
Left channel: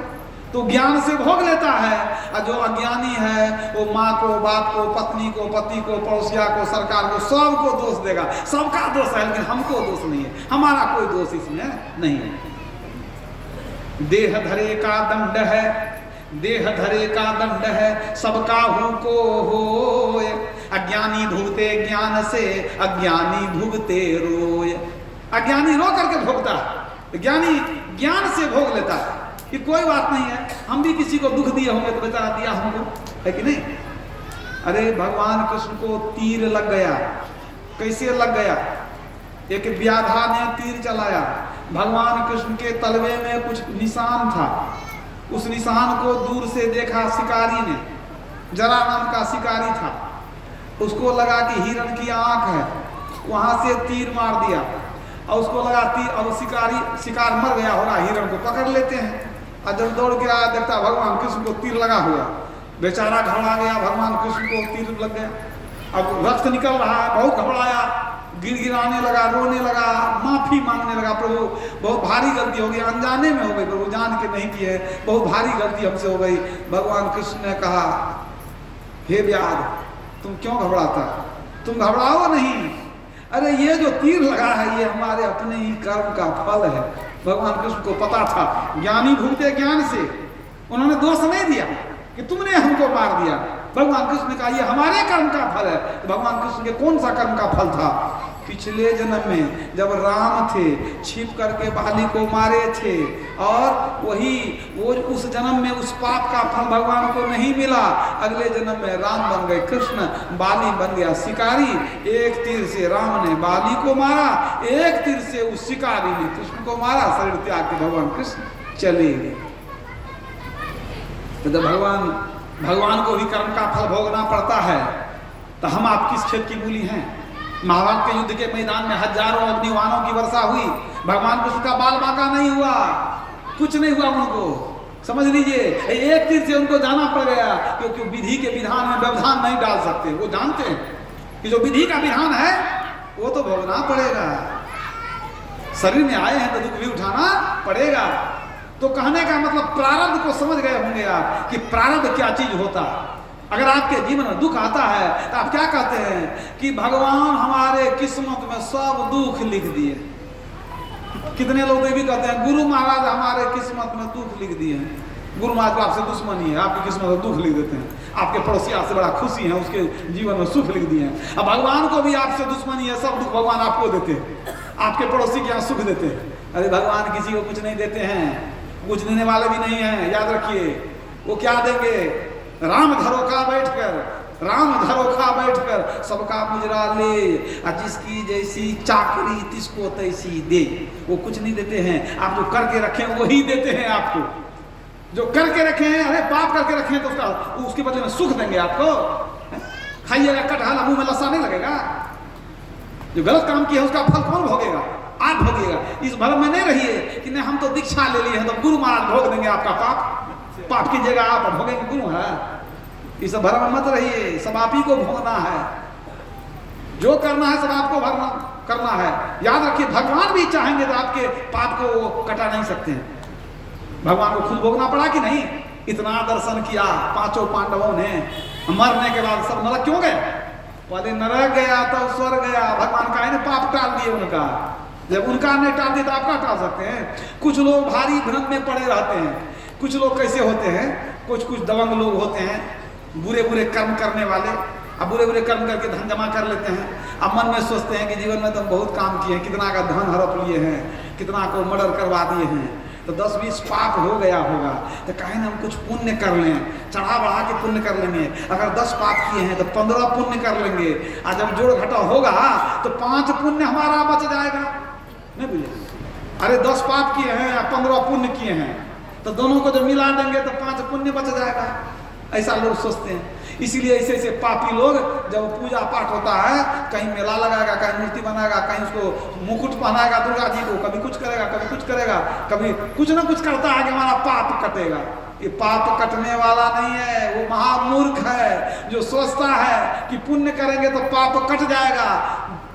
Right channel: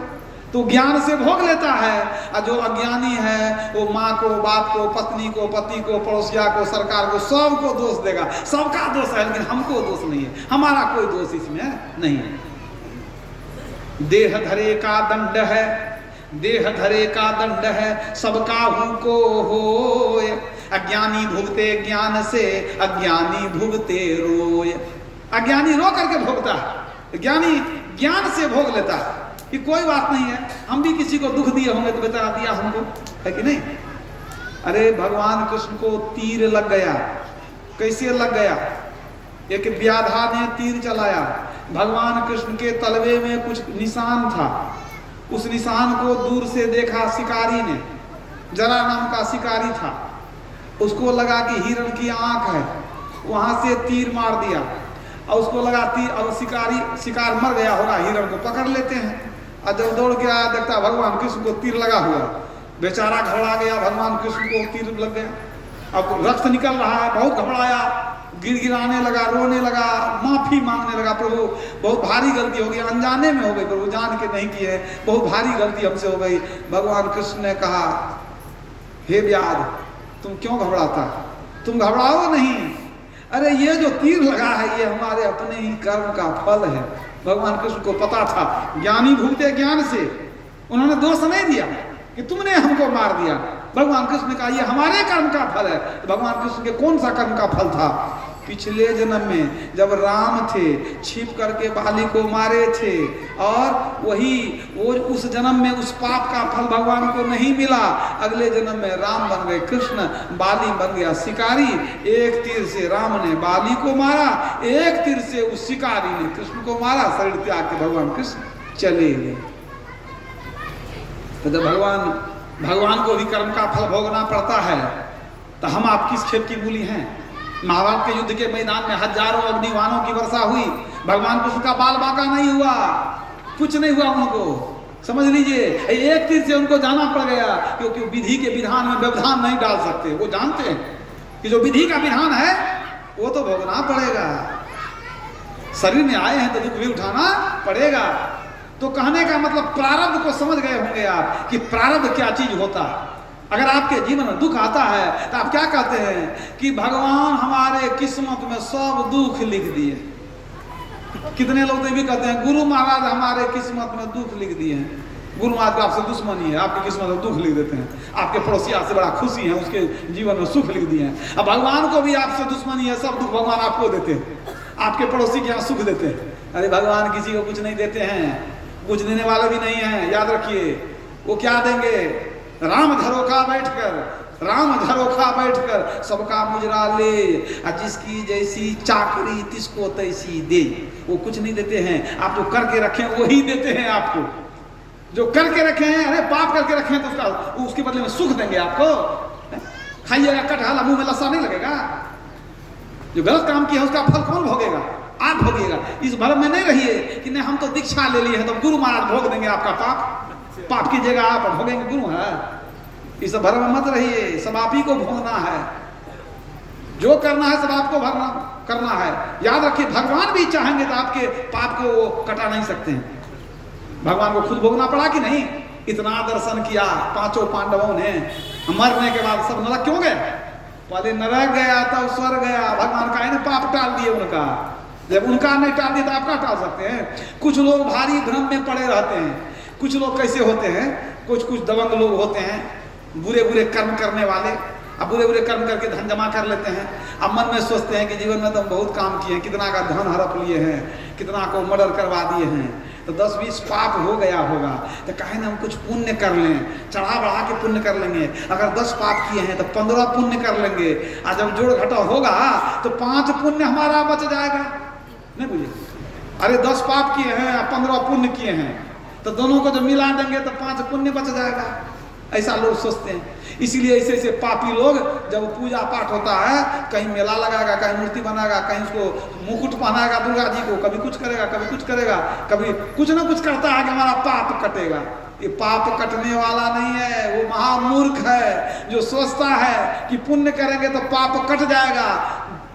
तो ज्ञान से भोग लेता है, और जो अज्ञानी है वो माँ को, बाप को, पत्नी को, पति को, पड़ोसिया को, सरकार को, सबको दोष देगा। सबका दोष है, लेकिन हमको दोष नहीं है, हमारा कोई दोष इसमें नहीं है। देह धरे का दंड है, देह धरे का दंड है, सबका हु को होय, अज्ञानी भुगते ज्ञान से, अज्ञानी भुगते रोय। अज्ञानी रो करके भोगता है, ज्ञानी ज्ञान से भोग लेता है कि कोई बात नहीं है, हम भी किसी को दुख दिए होंगे तो बेचारा दिया हमको, है कि नहीं? अरे भगवान कृष्ण को तीर लग गया, कैसे लग गया? एक व्याधा ने तीर चलाया, भगवान कृष्ण के तलवे में कुछ निशान था, उस निशान को दूर से देखा शिकारी ने, जरा नाम का शिकारी था, उसको लगा कि हिरण की आंख है, वहां से तीर मार दिया, और उसको लगा तीर, और शिकार मर गया होगा, हिरण को पकड़ लेते हैं। और जब दौड़ के आया, देखता भगवान कृष्ण को तीर लगा हुआ, बेचारा घबरा गया, भगवान कृष्ण को तीर लग गया, अब रक्त निकल रहा है, बहुत घबराया, गिड़गिड़ाने लगा, रोने लगा, माफी मांगने लगा, प्रभु बहुत भारी गलती हो गई, अनजाने में हो गई प्रभु, जान के नहीं किए, बहुत भारी गलती हमसे हो गई। भगवान कृष्ण ने कहा, हे व्याध, तुम क्यों घबराता? तुम घबराओ नहीं, अरे ये जो तीर लगा है ये हमारे अपने ही कर्म का फल है। भगवान कृष्ण को पता था, ज्ञानी भूलते ज्ञान से, उन्होंने दोष नहीं दिया कि तुमने हमको मार दिया। भगवान कृष्ण ने कहा ये हमारे कर्म का फल है। भगवान कृष्ण के कौन सा कर्म का फल था? पिछले जन्म में जब राम थे, छिप करके बाली को मारे थे, और वही वो उस जन्म में उस पाप का फल भगवान को नहीं मिला। अगले जन्म में राम बन गए कृष्ण, बाली बन गया शिकारी। एक तीर से राम ने बाली को मारा, एक तीर से उस शिकारी ने कृष्ण को मारा। शरीर त्याग के भगवान कृष्ण चले गए। तो जब भगवान को भी कर्म का फल भोगना पड़ता है, तो हम आप किस खेत की मूली हैं? महाभारत के युद्ध के मैदान में हजारों अग्निवानों की वर्षा हुई, भगवान कृष्ण का बाल बांका नहीं हुआ, कुछ नहीं हुआ उनको। समझ लीजिए, एक तीर से उनको जाना पड़ गया, क्योंकि विधि के विधान में व्यवधान नहीं डाल सकते। वो जानते हैं कि जो विधि का विधान है वो तो भोगना पड़ेगा। शरीर में आए हैं तो दुख भी उठाना पड़ेगा। तो कहने का मतलब प्रारब्ध को समझ गए होंगे आप कि प्रारब्ध क्या चीज होता है। अगर आपके जीवन में दुख आता है तो आप क्या कहते हैं कि भगवान हमारे किस्मत में सब दुख लिख दिए। कितने लोग भी कहते हैं गुरु महाराज हमारे किस्मत में दुख लिख दिए हैं। गुरु महाराज आपसे दुश्मनी है, आपकी किस्मत में दुख लिख देते हैं। आपके पड़ोसी आपसे बड़ा खुशी है, उसके जीवन में सुख लिख दिए हैं। अब भगवान को भी आपसे दुश्मनी है, सब दुख भगवान आपको देते हैं, आपके पड़ोसी के यहाँ सुख देते हैं। अरे भगवान किसी को कुछ नहीं देते हैं, कुछ देने वाले भी नहीं हैं, याद रखिए। वो क्या देंगे? राम धरोखा बैठकर, राम धरोखा बैठकर सबका मुजरा ले, और जिसकी जैसी चाकरी तिसको तैसी दे। वो कुछ नहीं देते हैं, आप जो करके रखे वही देते हैं आपको। जो करके रखे हैं, अरे पाप करके रखे हैं तो उसके बदले में सुख देंगे आपको। खाइएगा कटहल, मुंह में लस्सा नहीं लगेगा। जो गलत काम किया उसका फल कौन भोगेगा? आप भोगिएगा। इस भ्रम में नहीं रहिए कि नहीं हम तो दीक्षा ले लिए हैं तो गुरु महाराज भोग देंगे आपका पाप। पाप की जगह आप भोगेंगे गुरु महाराज। इस भ्रम में मत रहिए, सब आप ही को भोगना है। जो करना है सब आपको भरना करना है। याद रखिए, भगवान भी चाहेंगे तो आपके पाप को वो कटा नहीं सकते हैं। भगवान को खुद भोगना पड़ा कि नहीं? इतना दर्शन किया पांचों पांडवों ने, मरने के बाद सब नरक क्यों गए? पहले नरक गया तब स्वर्ग गया। भगवान का ने पाप टाल दिए उनका। जब उनका नहीं टाल दिया तो आपका टाल सकते हैं? कुछ लोग भारी भ्रम में पड़े रहते हैं। कुछ लोग कैसे होते हैं, कुछ दबंग लोग होते हैं, बुरे बुरे कर्म करने वाले। अब बुरे बुरे कर्म करके धन जमा कर लेते हैं। अब मन में सोचते हैं कि जीवन में तो हम बहुत काम किए, कितना का धन हड़प लिए हैं, कितना को मर्डर करवा दिए हैं, तो 10-20 पाप हो गया होगा, तो कहे ना हम कुछ पुण्य कर लें, चढ़ा बढ़ा के पुण्य कर लेंगे। अगर 10 पाप किए हैं तो 15 पुण्य कर लेंगे, और जब जोड़ घटा होगा तो 5 पुण्य हमारा बच जाएगा। नहीं बुझे? अरे 10 पाप किए हैं या 15 पुण्य किए हैं, तो दोनों को जब मिला देंगे तो 5 पुण्य बच जाएगा। ऐसा लोग सोचते हैं। इसीलिए ऐसे ऐसे पापी लोग, जब पूजा पाठ होता है, कहीं मेला लगाएगा, कहीं मूर्ति बनाएगा, कहीं उसको मुकुट पहनाएगा दुर्गा जी को, कभी कुछ करेगा, कभी कुछ करेगा, कभी कुछ ना कुछ करता है कि हमारा पाप कटेगा। ये पाप कटने वाला नहीं है, वो महामूर्ख है जो सोचता है कि पुण्य करेंगे तो पाप कट जाएगा।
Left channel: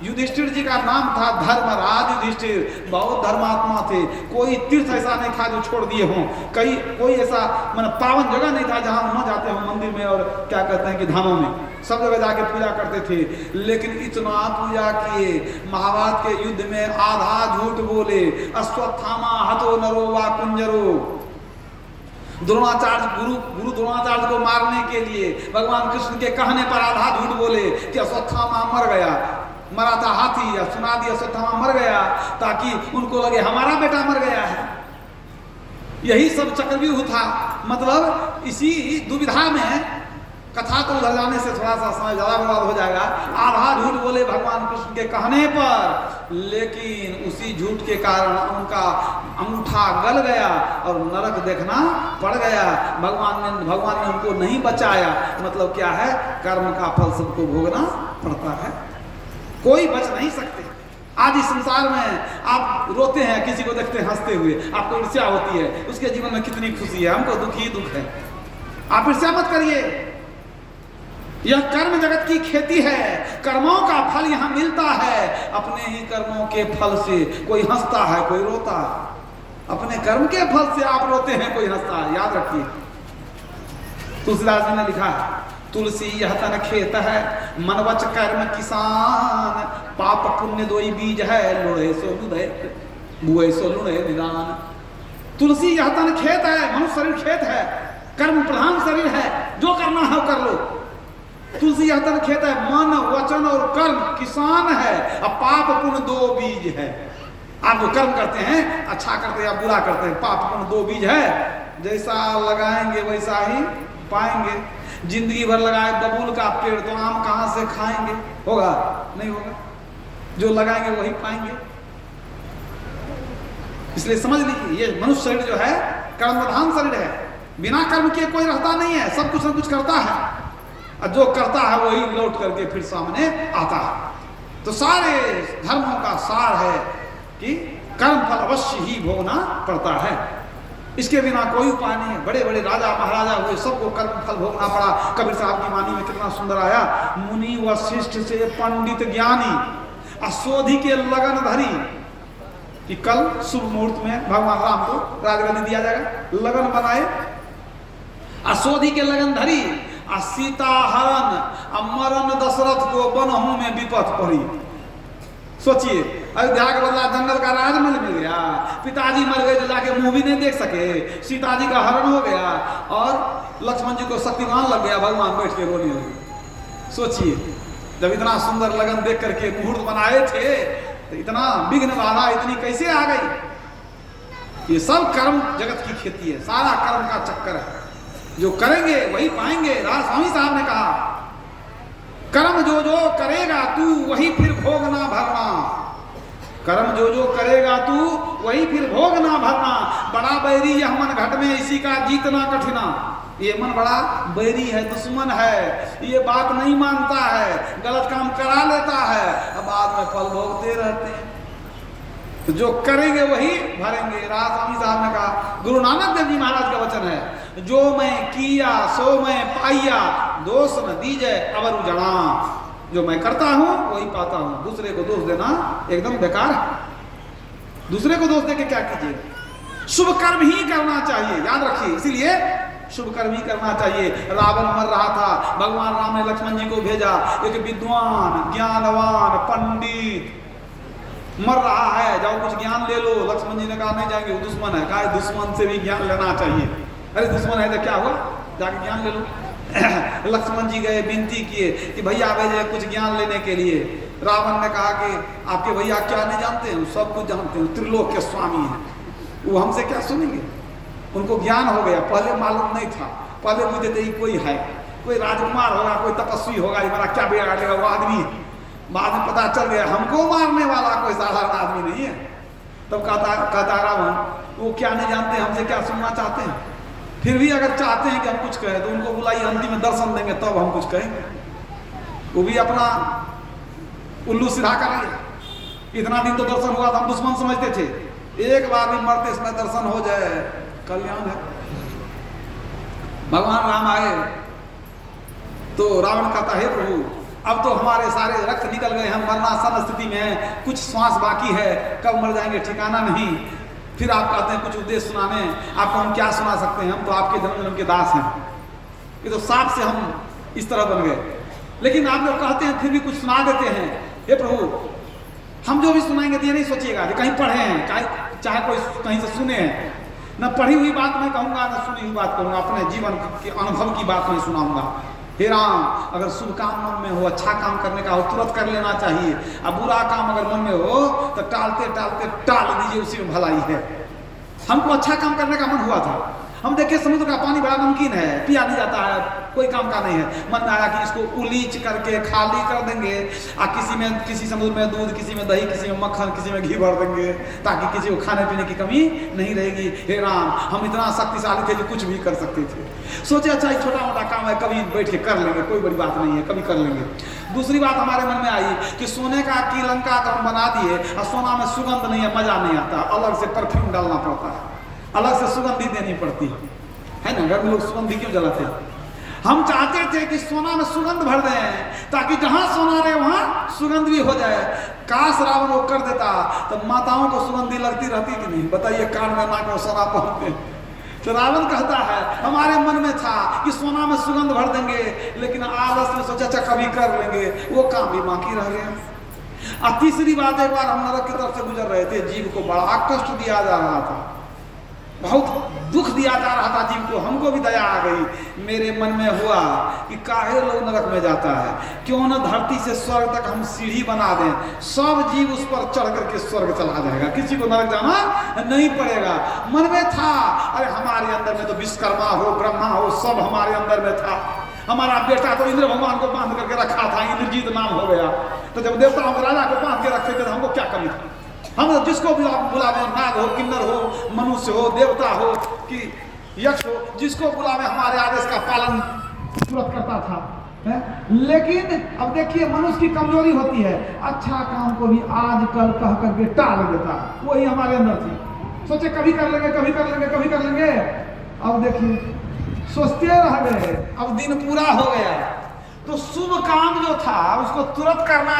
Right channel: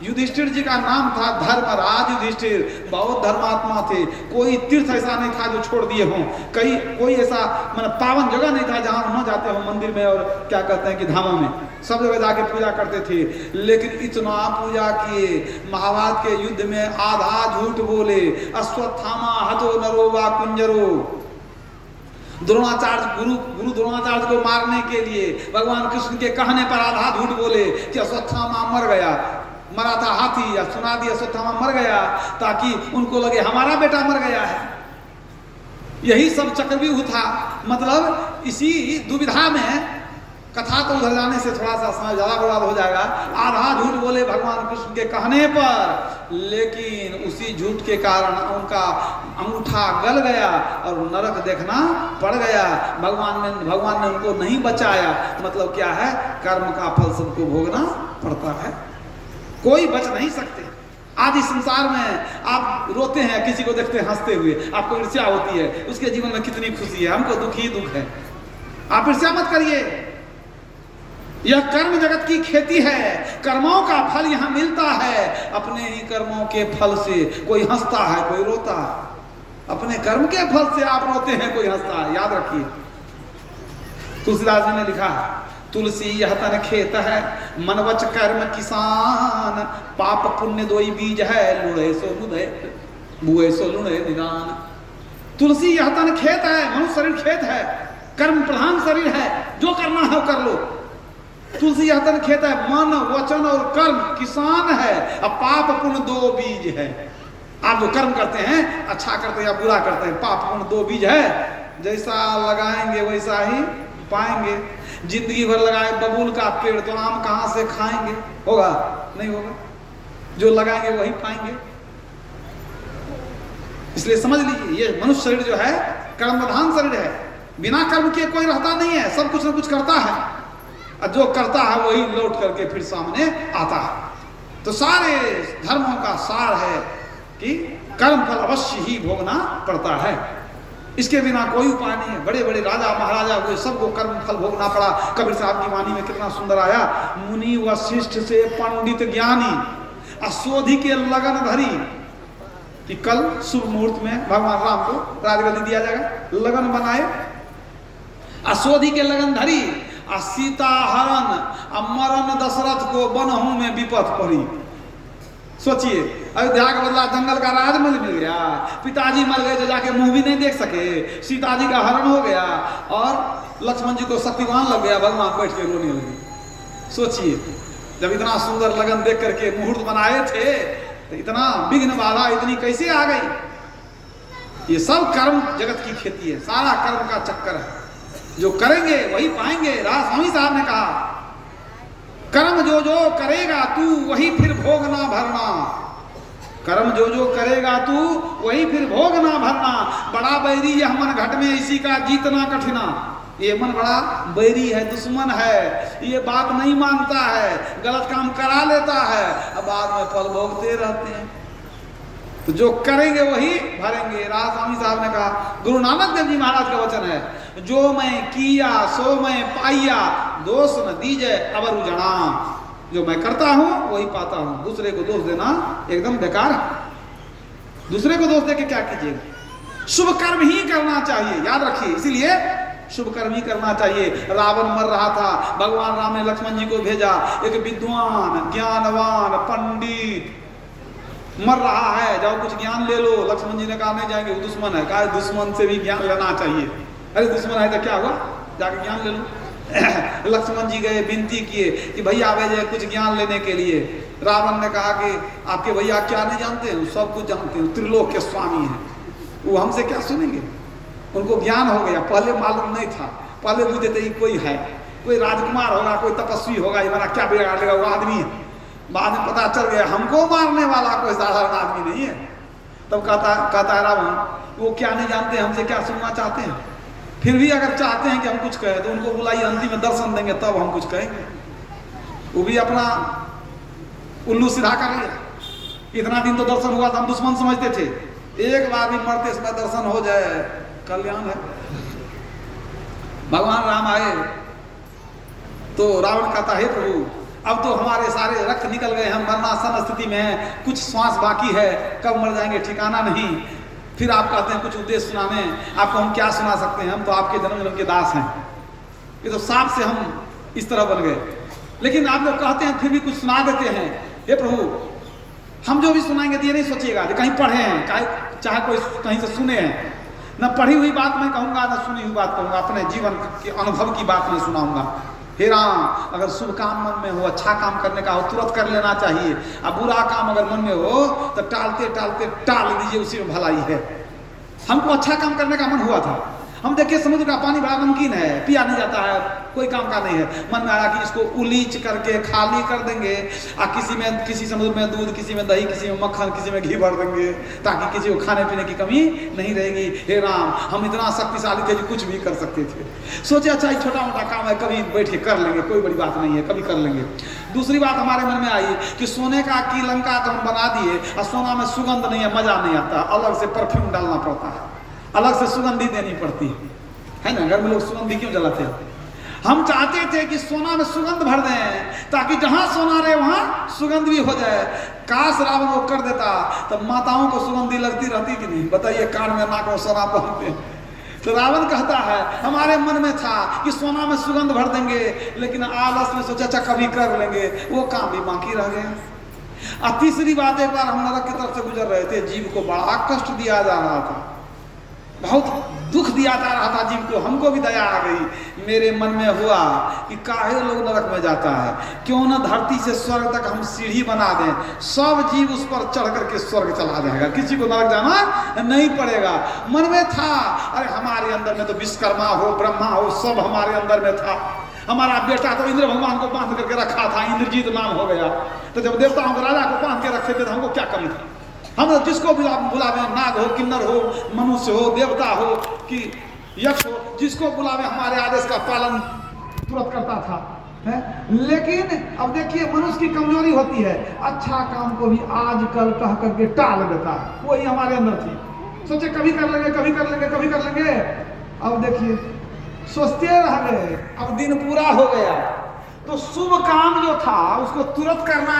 युधिष्ठिर जी का नाम था धर्मराज युधिष्ठिर, बहुत धर्मात्मा थे। कोई तीर्थ ऐसा नहीं था जो छोड़ दिए हों, कोई ऐसा मतलब पावन जगह नहीं था जहां न जाते हो मंदिर में और क्या कहते हैं कि धामों में, सब जगह जाके पूजा करते थे। लेकिन इतना पूजा किए, महाभारत के युद्ध में आधा झूठ बोले, अश्वत्थामा हतो नरो वा कुंजरो। द्रोणाचार्य गुरु द्रोणाचार्य को मारने के लिए भगवान कृष्ण के कहने पर आधा झूठ बोले कि अश्वत्थामा मर गया, मरा था हाथी, या सुना दिया अश्वत्थामा मर गया, ताकि उनको लगे हमारा बेटा मर गया है। यही सब चक्रव्यूह था। मतलब इसी दुविधा में कथा तो उधर जाने से थोड़ा सा समय ज्यादा बर्बाद हो जाएगा। आधा झूठ बोले भगवान कृष्ण के कहने पर, लेकिन उसी झूठ के कारण उनका अंगूठा गल गया और नरक देखना पड़ गया। भगवान ने उनको नहीं बचाया। मतलब क्या है? कर्म का फल सबको भोगना पड़ता है, कोई बच नहीं सकते। आज इस संसार में आप रोते हैं, किसी को देखते हैं हंसते हुए, आपको ईर्ष्या होती है, उसके जीवन में कितनी खुशी है, हमको दुख ही दुख है। आप ईर्ष्या मत करिए। यह कर्म जगत की खेती है, कर्मों का फल यहाँ मिलता है। अपने ही कर्मों के फल से कोई हंसता है, कोई रोता है। अपने कर्म के फल से आप रोते हैं, कोई हंसता है। याद रखिए, तुलसीदास जी ने लिखा है, तुलसी यह तन खेत है, मनवच कर्म किसान, पाप पुण्य दोई बीज है, लुढ़े सो लुढ़े बुए सो लुढ़े निदान। तुलसी यह तन खेत है, मनुष्य शरीर खेत है, कर्म प्रधान शरीर है, जो करना है कर लो। तुलसी यह तन खेत है, मन वचन और कर्म किसान है, अब पाप पुण्य 2 बीज है। आप जो कर्म करते हैं, अच्छा करते हैं या बुरा करते हैं, पाप पुण्य 2 बीज है। जैसा लगाएंगे वैसा ही पाएंगे। जिंदगी भर लगाए बबूल का पेड़ तो आम कहां से खाएंगे? होगा? नहीं होगा। जो लगाएंगे वही पाएंगे। इसलिए समझ लीजिए, ये मनुष्य शरीर जो है कर्म प्रधान शरीर है। बिना कर्म के कोई रहता नहीं है, सब कुछ न कुछ करता है, और जो करता है वही लौट करके फिर सामने आता है। तो सारे धर्मों का सार है कि कर्म फल अवश्य ही भोगना पड़ता है, इसके बिना कोई उपाय नहीं है। बड़े बड़े राजा महाराजा हुए, सबको कर्म फल भोगना पड़ा। कबीर साहब की वाणी में कितना सुंदर आया, मुनि वशिष्ठ से पंडित ज्ञानी, अशोधि के लगन धरी। कि कल शुभ मुहूर्त में भगवान राम को राजगद्दी दिया जाएगा, लगन बनाए, अशोधि के लगन धरी, सीता हरण मरण दशरथ को बनहू में विपत पड़ी। सोचिए, अयोध्या के बदला जंगल का राज मिल गया, पिताजी मर गए तो जाके मुंह भी नहीं देख सके, सीता जी का हरण हो गया, और लक्ष्मण जी को शक्तिमान लग गया, भगवान बैठ के रोने लगे। सोचिए, जब इतना सुंदर लगन देख करके मुहूर्त बनाए थे, तो इतना विघ्न बाधा इतनी कैसे आ गई? ये सब कर्म जगत की खेती है, सारा कर्म का चक्कर है। जो करेंगे वही पाएंगे। राज स्वामी साहब ने कहा, कर्म जो जो करेगा तू वही फिर भोगना भरना। कर्म जो जो करेगा तू वही फिर भोगना भरना। बड़ा बैरी यह मन घट में इसी का जीतना कठिना। ये मन बड़ा बैरी है, दुश्मन है, ये बात नहीं मानता है, गलत काम करा लेता है, अब बाद में फल भोगते रहते हैं। तो जो करेंगे वही भरेंगे। राज स्वामी साहब ने कहा, गुरु नानक देव जी महाराज का वचन है, जो मैं किया सो मैं पाइया, दोष न दीजे अवर उजड़ा। जो मैं करता हूं वही पाता हूं, दूसरे को दोष देना एकदम बेकार। दूसरे को दोष देके क्या कीजिएगा? शुभ कर्म ही करना चाहिए, याद रखिए। इसीलिए शुभ कर्म ही करना चाहिए। रावण मर रहा था, भगवान राम ने लक्ष्मण जी को भेजा, एक विद्वान ज्ञानवान पंडित मर रहा है, जाओ कुछ ज्ञान ले लो। लक्ष्मण जी ने कहा नहीं जाएंगे, वो दुश्मन है। कहा दुश्मन से भी ज्ञान लेना चाहिए। अरे दुश्मन है तो क्या हुआ, जाके ज्ञान ले लो। लक्ष्मण जी गए, विनती किए कि भैया भेजे कुछ ज्ञान लेने के लिए। रावण ने कहा कि आपके भैया क्या नहीं जानते हैं, सब कुछ जानते हैं, त्रिलोक के स्वामी हैं, वो हमसे क्या सुनेंगे। उनको ज्ञान हो गया, पहले मालूम नहीं था, पहले बुझते थे कोई है, कोई राजकुमार होगा, कोई तपस्वी होगा, हमारा क्या बिगाड़ लेगा, वो आदमी है। बाद में पता चल गया हमको मारने वाला कोई साधारण आदमी नहीं है। तब कहता रावण वो क्या नहीं जानते, हमसे क्या सुनना चाहते हैं। फिर भी अगर चाहते हैं कि हम कुछ कहें तो उनको बुलाइए, अंतिम में दर्शन देंगे तब हम कुछ कहेंगे। वो भी अपना उल्लू सीधा कर रहे। इतना दिन तो दर्शन हुआ था, हम दुश्मन समझते थे, एक बार भी मरते समय दर्शन हो जाए कल्याण है। भगवान राम आए तो रावण कहता है प्रभु अब तो हमारे सारे रक्त निकल गए, हम मरणासन स्थिति में हैं, कुछ श्वास बाकी है, कब मर जाएंगे ठिकाना नहीं। फिर आप कहते हैं कुछ उद्देश्य सुनाने, आपको हम क्या सुना सकते हैं, हम तो आपके जन्म जन्म के दास हैं। ये तो सांप से हम इस तरह बन गए। लेकिन आप लोग कहते हैं फिर भी कुछ सुना देते हैं। हे प्रभु हम जो भी सुनाएंगे तो ये नहीं सोचिएगा कि कहीं पढ़े हैं, चाहे कोई कहीं से सुने हैं। न पढ़ी हुई बात मैं कहूँगा, न सुनी हुई बात कहूँगा, अपने जीवन के अनुभव की बात मैं सुनाऊंगा। हे राम अगर शुभ काम मन में हो, अच्छा काम करने का हो, तुरंत कर लेना चाहिए। अब बुरा काम अगर मन में हो तो टालते टालते टाल दीजिए, उसी में भलाई है। हमको अच्छा काम करने का मन हुआ था, हम देखिए समुद्र का पानी बड़ा नमकीन है, पिया नहीं जाता है, कोई काम का नहीं है। मन में आया कि इसको उलीच करके खाली कर देंगे, किसी समुद्र में दूध, किसी में दही, किसी में मक्खन, किसी में घी भर देंगे, ताकि किसी को खाने पीने की कमी नहीं रहेगी। हे राम हम इतना शक्तिशाली थे कि कुछ भी कर सकते थे। सोचे अच्छा छोटा मोटा काम है, कभी बैठ के कर लेंगे, कोई बड़ी बात नहीं है, कभी कर लेंगे। दूसरी बात हमारे मन में आई कि सोने का की लंका तो हम बना दिए और सोना में सुगंध नहीं है, मजा नहीं आता, अलग से परफ्यूम डालना पड़ता है, अलग से सुगंधी देनी पड़ती है ना। घर में लोग सुगंधी क्यों जलाते हैं? हम चाहते थे कि सोना में सुगंध भर दें ताकि जहां सोना रहे वहां सुगंध भी हो जाए। काश रावण को कर देता तो माताओं को सुगंधी लगती रहती कि नहीं, बताइए, कान में नाक में सोना पहनते। तो रावण कहता है हमारे मन में था कि सोना में सुगंध भर देंगे, लेकिन आलस में सोचा अच्छा कभी कर लेंगे, वो काम भी बाकी रह गया। और तीसरी बात, एक बार हम नरक की तरफ से गुजर रहे थे, जीव को बड़ा कष्ट दिया जा रहा था, बहुत दुख दिया जा रहा था जीव को। हमको भी दया आ गई, मेरे मन में हुआ कि काहे लोग नरक में जाता है, क्यों न धरती से स्वर्ग तक हम सीढ़ी बना दें, सब जीव उस पर चढ़ करके स्वर्ग चला जाएगा, किसी को नरक जाना नहीं पड़ेगा। मन में था, अरे हमारे अंदर में तो विश्वकर्मा हो, ब्रह्मा हो, सब हमारे अंदर में था। हमारा बेटा तो इंद्र भगवान को बांध करके रखा था, इंद्रजीत नाम हो गया। तो जब देवताओं को राजा को बांध के रखे थे तो हमको क्या कमी था? हम जिसको भी आप बुलावे, नाग हो, किन्नर हो, मनुष्य हो, देवता हो कि यक्ष हो, जिसको बुलावे हमारे आदेश का पालन तुरंत करता था है? लेकिन अब देखिए मनुष्य की कमजोरी होती है, अच्छा काम को भी आज कल कह करके टाल देता, वही हमारे अंदर थी। सोचे कभी कर लेंगे, कभी कर लेंगे, कभी कर लेंगे, अब देखिए सोचते रह गए, अब दिन पूरा हो गया। तो शुभ काम जो था उसको तुरंत करना